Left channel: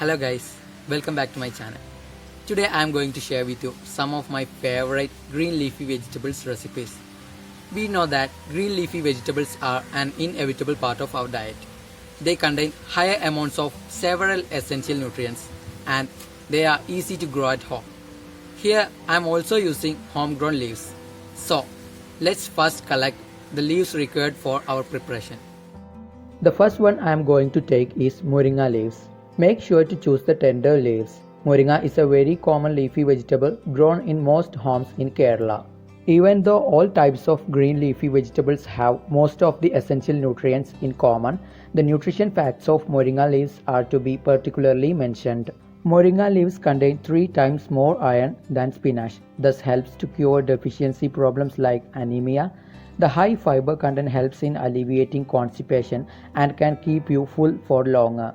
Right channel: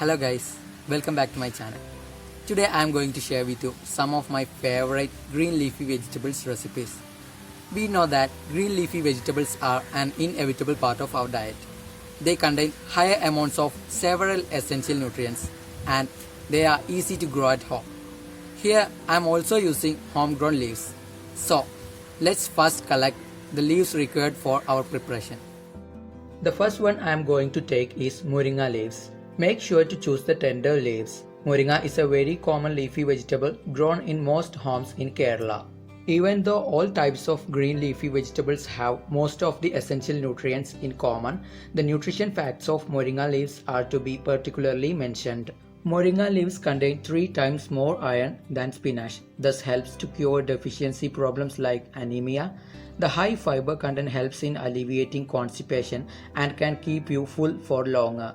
Hello guys, welcome back to my channel. Today I am going to share with you some of my favorite green leafy vegetables recipes. We know that green leafy vegetables are an inevitable part of our diet. They contain higher amounts of several essential nutrients and they are easy to grow at home. Here I am also using homegrown leaves. So let's first collect the leaves required for our preparation. The first one I am going to take is moringa leaves. Make sure to choose the tender leaves. Moringa is a very common leafy vegetable grown in most homes in Kerala. Even though all types of green leafy vegetables have most of the essential nutrients in common, the nutrition facts of moringa leaves are to be particularly mentioned. Moringa leaves contain 3 times more iron than spinach, thus helps to cure deficiency problems like anemia. The high fiber content helps in alleviating constipation and can keep you full for longer.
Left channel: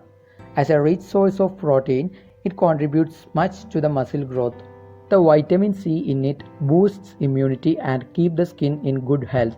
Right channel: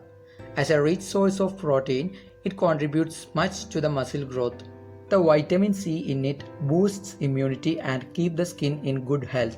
As a rich source of protein, it contributes much to the muscle growth. The vitamin C in it boosts immunity and keeps the skin in good health.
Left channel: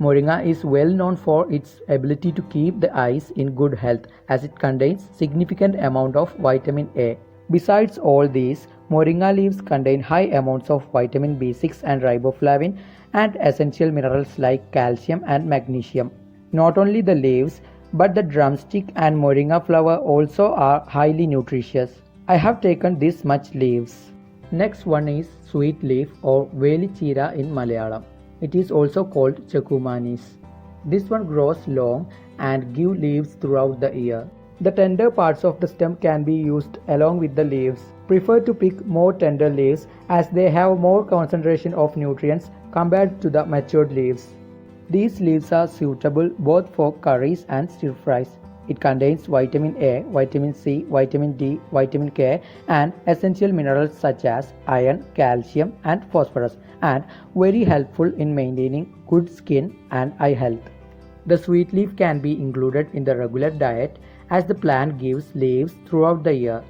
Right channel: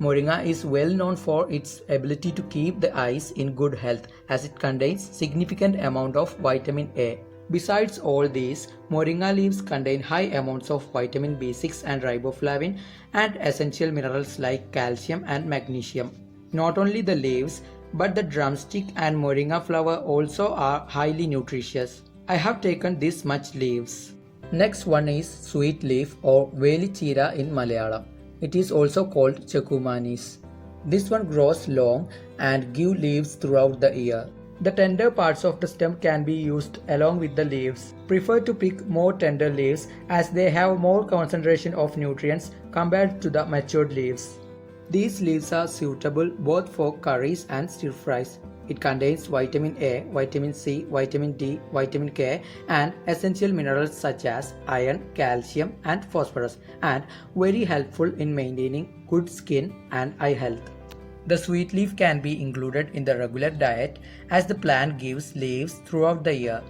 Moringa is well known for its ability to keep the eyes in good health as it contains significant amount of vitamin A. Besides all these, moringa leaves contain high amounts of vitamin B6 and riboflavin and essential minerals like calcium and magnesium. Not only the leaves, but the drumstick and moringa flower also are highly nutritious. I have taken this much leaves. Next one is sweet leaf or velichira in Malayalam. It is also called chakumanis. This one grows long and give leaves throughout the year. The tender parts of the stem can be used along with the leaves. Prefer to pick more tender leaves as they have more concentration of nutrients compared to the matured leaves. These leaves are suitable both for curries and stir fries. It contains vitamin A, vitamin C, vitamin D, vitamin K and essential minerals such as iron, calcium and phosphorus and very helpful in maintaining good skin and eye health. The sweet leaf can be included in the regular diet as the plant gives leaves throughout the year.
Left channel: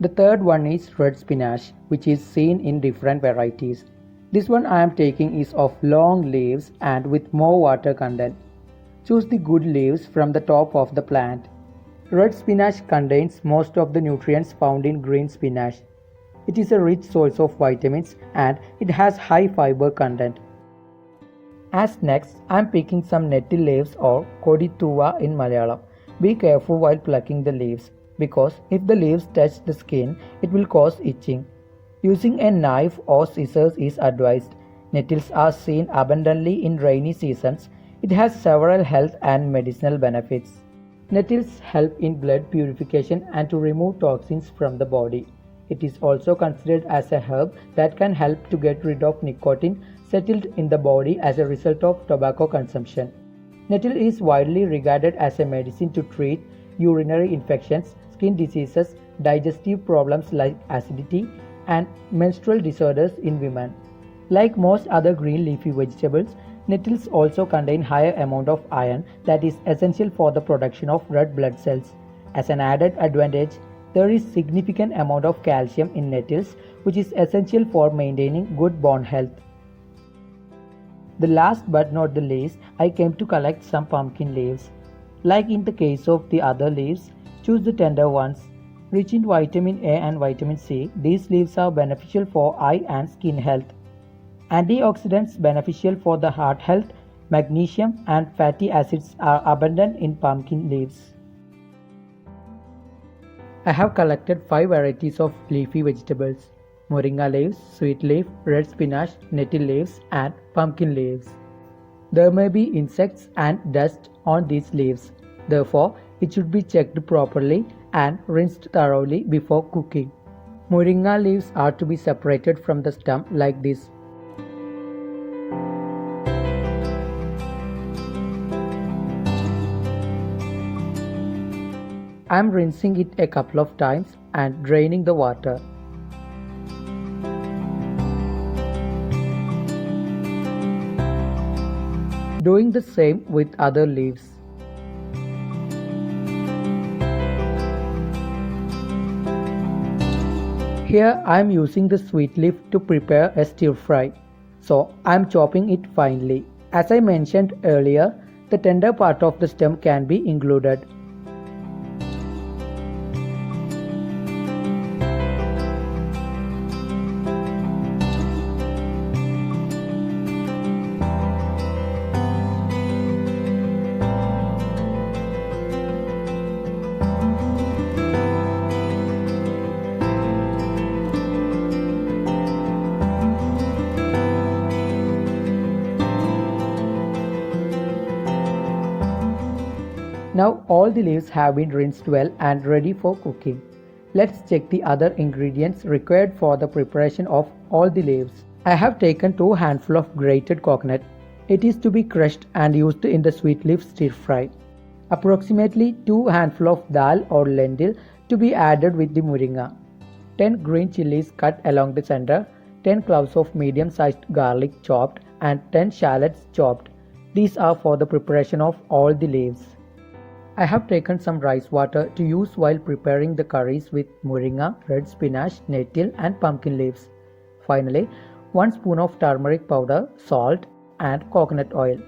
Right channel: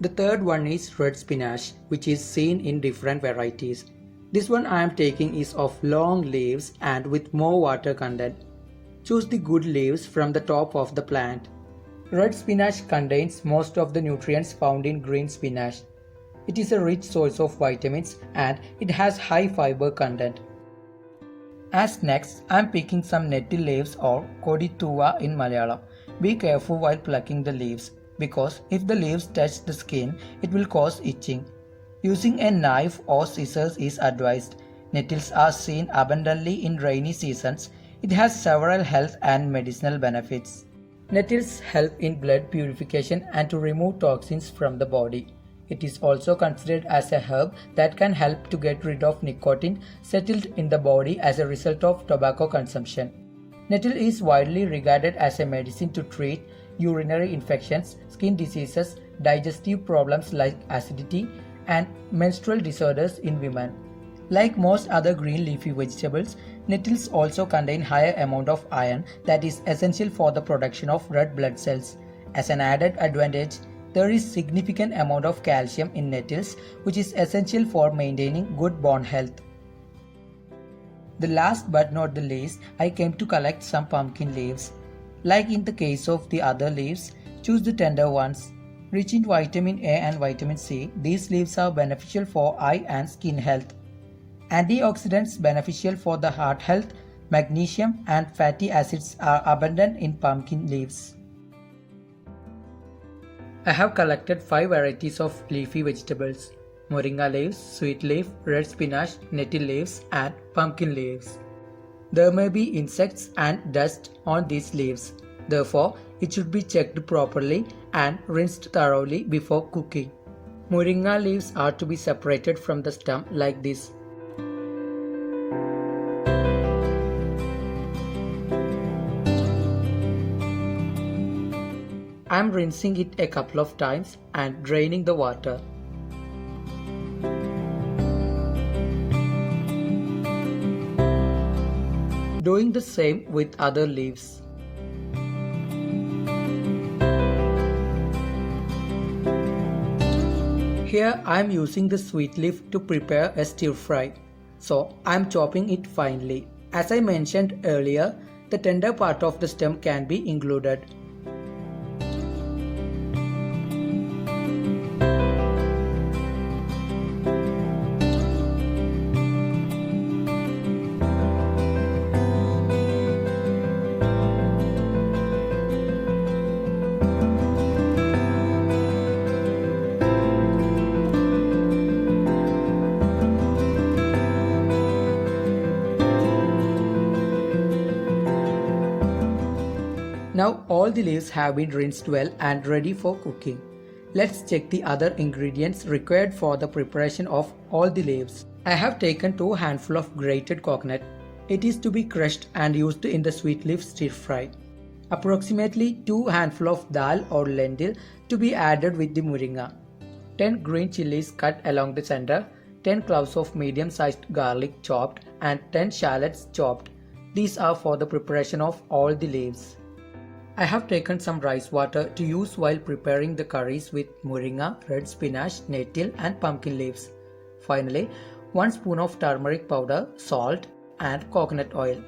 The third one is red spinach, which is seen in different varieties. This one I am taking is of long leaves and with more water content. Choose the good leaves from the top of the plant. Red spinach contains most of the nutrients found in green spinach. It is a rich source of vitamins and it has high fiber content. As next, I am picking some nettle leaves or kodituva in Malayalam. Be careful while plucking the leaves because if the leaves touch the skin, it will cause itching. Using a knife or scissors is advised. Nettles are seen abundantly in rainy seasons. It has several health and medicinal benefits. Nettles help in blood purification and to remove toxins from the body. It is also considered as a herb that can help to get rid of nicotine settled in the body as a result of tobacco consumption. Nettle is widely regarded as a medicine to treat urinary infections, skin diseases, digestive problems like acidity, and menstrual disorders in women. Like most other green leafy vegetables, nettles also contain higher amount of iron that is essential for the production of red blood cells. As an added advantage, there is significant amount of calcium in nettles which is essential for maintaining good bone health. The last but not the least, I came to collect some pumpkin leaves. Like in the case of the other leaves, choose the tender ones. Rich in vitamin A and vitamin C, these leaves are beneficial for eye and skin health. Antioxidants beneficial for the heart health, magnesium and fatty acids are abundant in pumpkin leaves. I have collected 5 varieties of leafy vegetables: moringa leaves, sweet leaf, red spinach, nettle leaves and pumpkin leaves. There may be insects and dust on these leaves. Therefore, it should be checked properly and rinsed thoroughly before cooking. Moringa leaves are to be separated from the stem like this. I am rinsing it a couple of times and draining the water. Doing the same with other leaves. Here I am using the sweet leaf to prepare a stir fry. So I am chopping it finely. As I mentioned earlier, the tender part of the stem can be included. Now all the leaves have been rinsed well and ready for cooking. Let's check the other ingredients required for the preparation of all the leaves. I have taken 2 handfuls of grated coconut. It is to be crushed and used in the sweet leaf stir fry. Approximately 2 handfuls of dal or lentil to be added with the moringa. 10 green chilies cut along the center, 10 cloves of medium-sized garlic chopped and 10 shallots chopped. These are for the preparation of all the leaves. I have taken some rice water to use while preparing the curries with moringa, red spinach, nettle and pumpkin leaves. Finally, 1 spoon of turmeric powder, salt and coconut oil.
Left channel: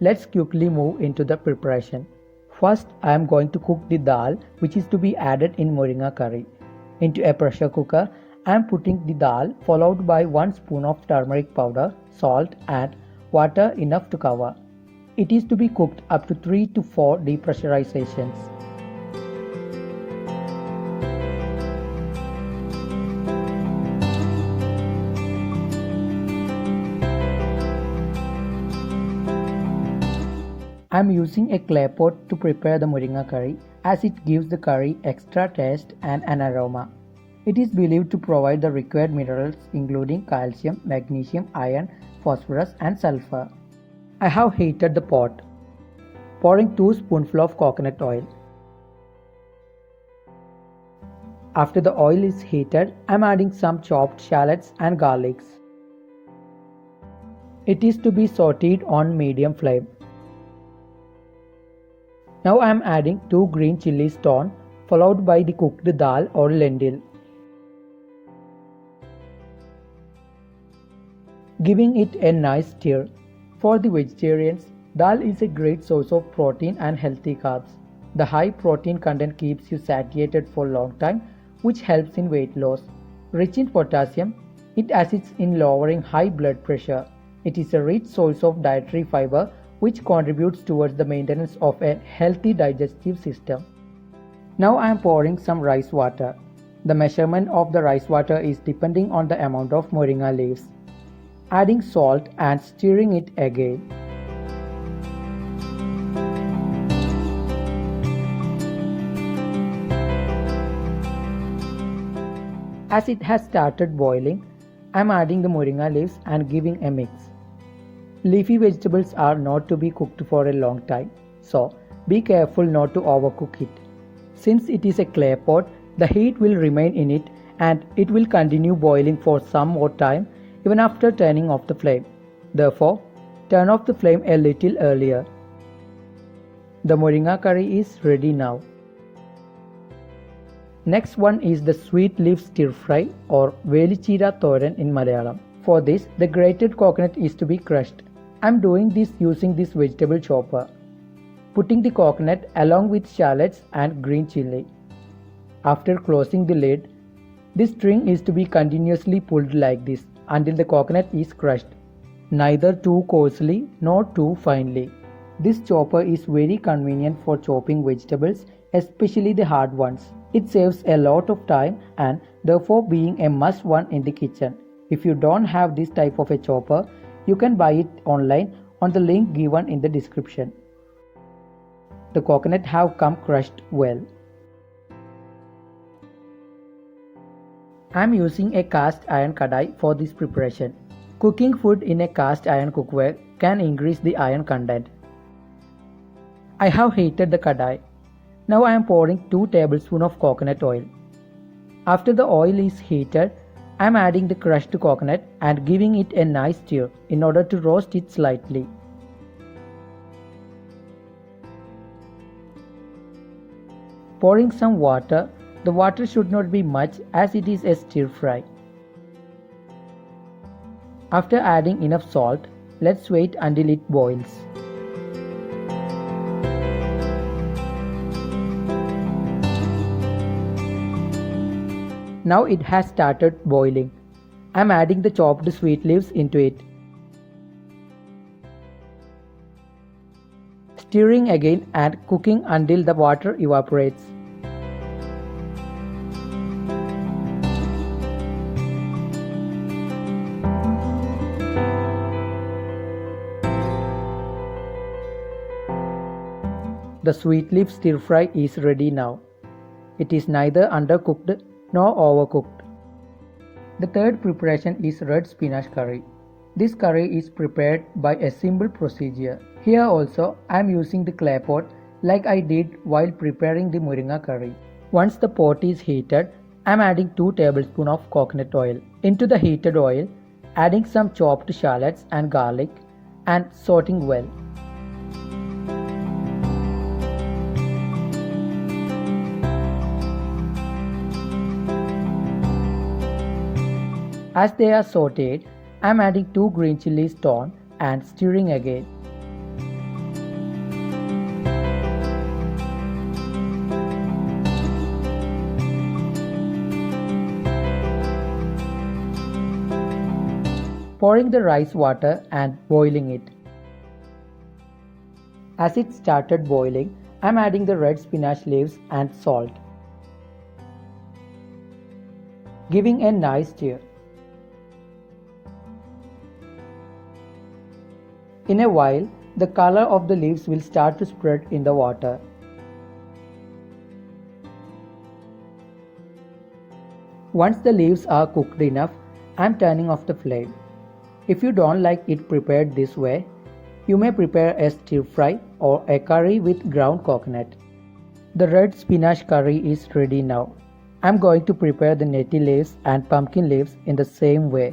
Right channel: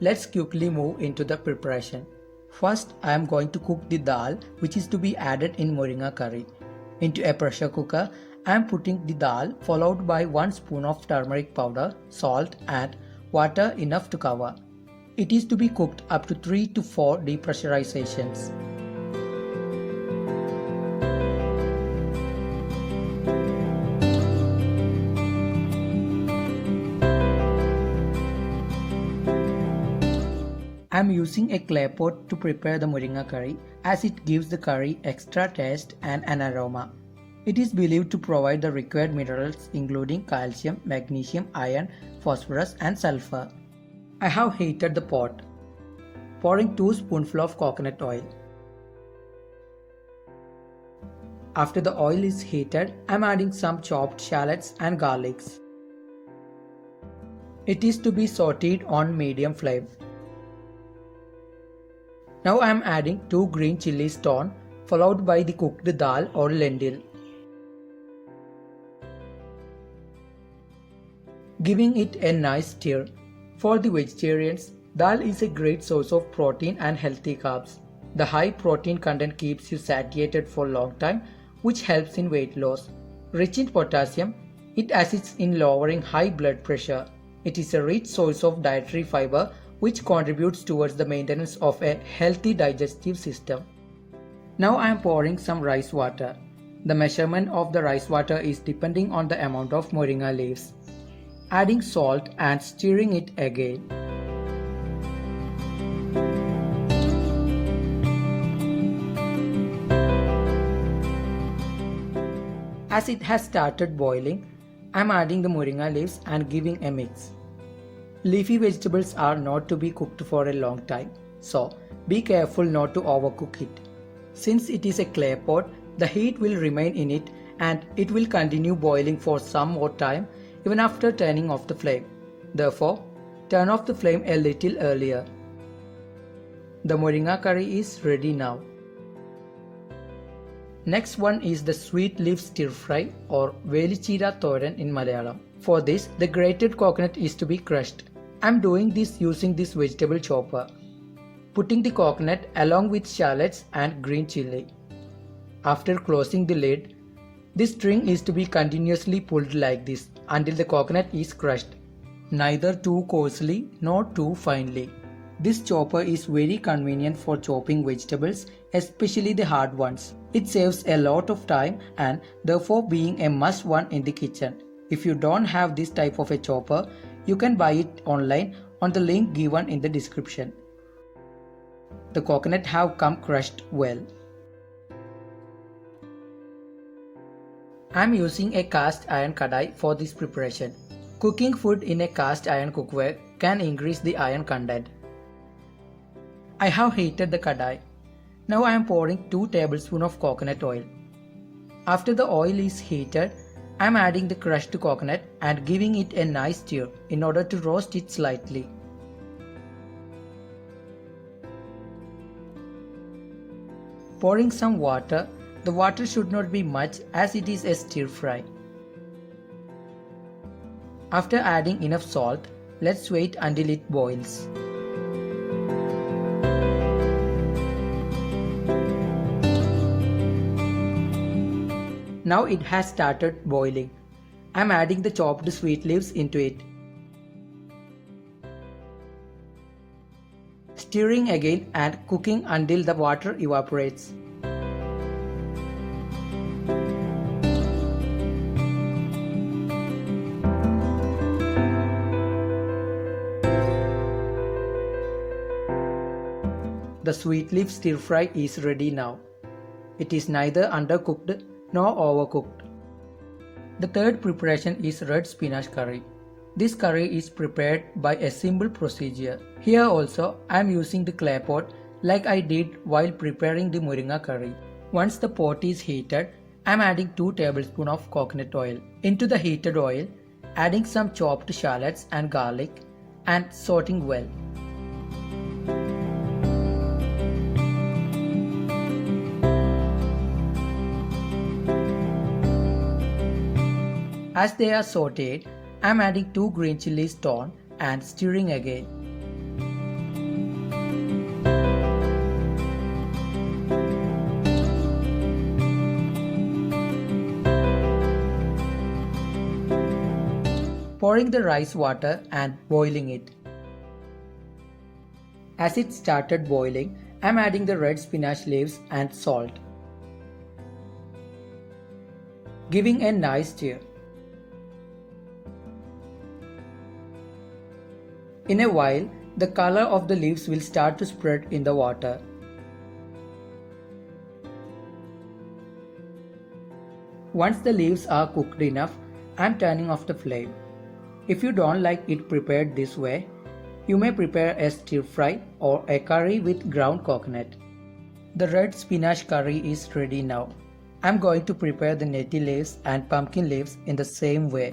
Let's quickly move into the preparation. First, I am going to cook the dal which is to be added in moringa curry. Into a pressure cooker, I am putting the dal followed by 1 spoon of turmeric powder, salt and water enough to cover. It is to be cooked up to 3 to 4 depressurizations. I am using a clay pot to prepare the moringa curry as it gives the curry extra taste and an aroma. It is believed to provide the required minerals including calcium, magnesium, iron, phosphorus and sulfur. I have heated the pot, pouring 2 spoonfuls of coconut oil. After the oil is heated, I am adding some chopped shallots and garlics. It is to be sauteed on medium flame. Now I am adding 2 green chilies torn, followed by the cooked dal or lentil. Giving it a nice stir. For the vegetarians, dal is a great source of protein and healthy carbs. The high protein content keeps you satiated for a long time, which helps in weight loss. Rich in potassium, it assists in lowering high blood pressure. It is a rich source of dietary fiber, which contributes towards the maintenance of a healthy digestive system. Now I am pouring some rice water. The measurement of the rice water is depending on the amount of moringa leaves. Adding salt and stirring it again. As it has started boiling, I am adding the moringa leaves and giving a mix. Leafy vegetables are not to be cooked for a long time, so be careful not to overcook it. Since it is a clay pot, the heat will remain in it and it will continue boiling for some more time even after turning off the flame. Therefore, turn off the flame a little earlier. The moringa curry is ready now. Next one is the sweet leaf stir fry or velichira thoran in Malayalam. For this, the grated coconut is to be crushed. I am doing this using this vegetable chopper. Putting the coconut along with shallots and green chili. After closing the lid, this string is to be continuously pulled like this until the coconut is crushed, neither too coarsely nor too finely. This chopper is very convenient for chopping vegetables, especially the hard ones. It saves a lot of time and therefore being a must one in the kitchen. If you don't have this type of a chopper, you can buy it online on the link given in the description. The coconut have come crushed well. I am using a cast iron kadai for this preparation. Cooking food in a cast iron cookware can increase the iron content. I have heated the kadai. Now I am pouring 2 tablespoons of coconut oil. After the oil is heated, I am adding the crushed coconut and giving it a nice stir in order to roast it slightly. Pouring some water. The water should not be much as it is a stir fry. After adding enough salt, let's wait until it boils. Now it has started boiling. I am adding the chopped sweet leaves into it. Stirring again and cooking until the water evaporates. The sweet leaf stir fry is ready now. It is neither undercooked nor overcooked. The third preparation is red spinach curry. This curry is prepared by a simple procedure. Here also I am using the clay pot like I did while preparing the moringa curry. Once the pot is heated, I am adding 2 tablespoons of coconut oil. Into the heated oil, adding some chopped shallots and garlic and sauteing well. As they are sauteed, I am adding 2 green chilies torn and stirring again. Pouring the rice water and boiling it. As it started boiling, I am adding the red spinach leaves and salt, giving a nice stir. In a while, the color of the leaves will start to spread in the water. Once the leaves are cooked enough, I am turning off the flame. If you don't like it prepared this way, you may prepare a stir fry or a curry with ground coconut. The red spinach curry is ready now. I am going to prepare the neti leaves and pumpkin leaves in the same way.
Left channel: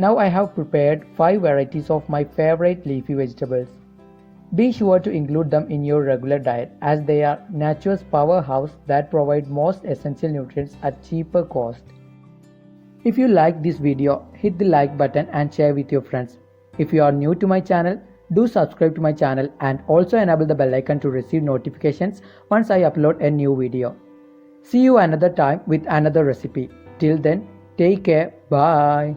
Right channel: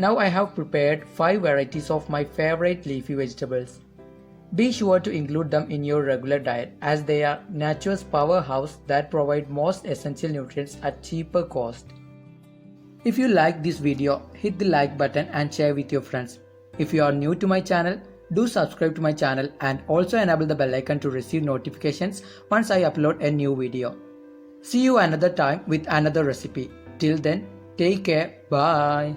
Now I have prepared 5 varieties of my favorite leafy vegetables. Be sure to include them in your regular diet as they are nature's powerhouse that provide most essential nutrients at cheaper cost. If you like this video, hit the like button and share with your friends. If you are new to my channel, do subscribe to my channel and also enable the bell icon to receive notifications once I upload a new video. See you another time with another recipe. Till then, take care. Bye.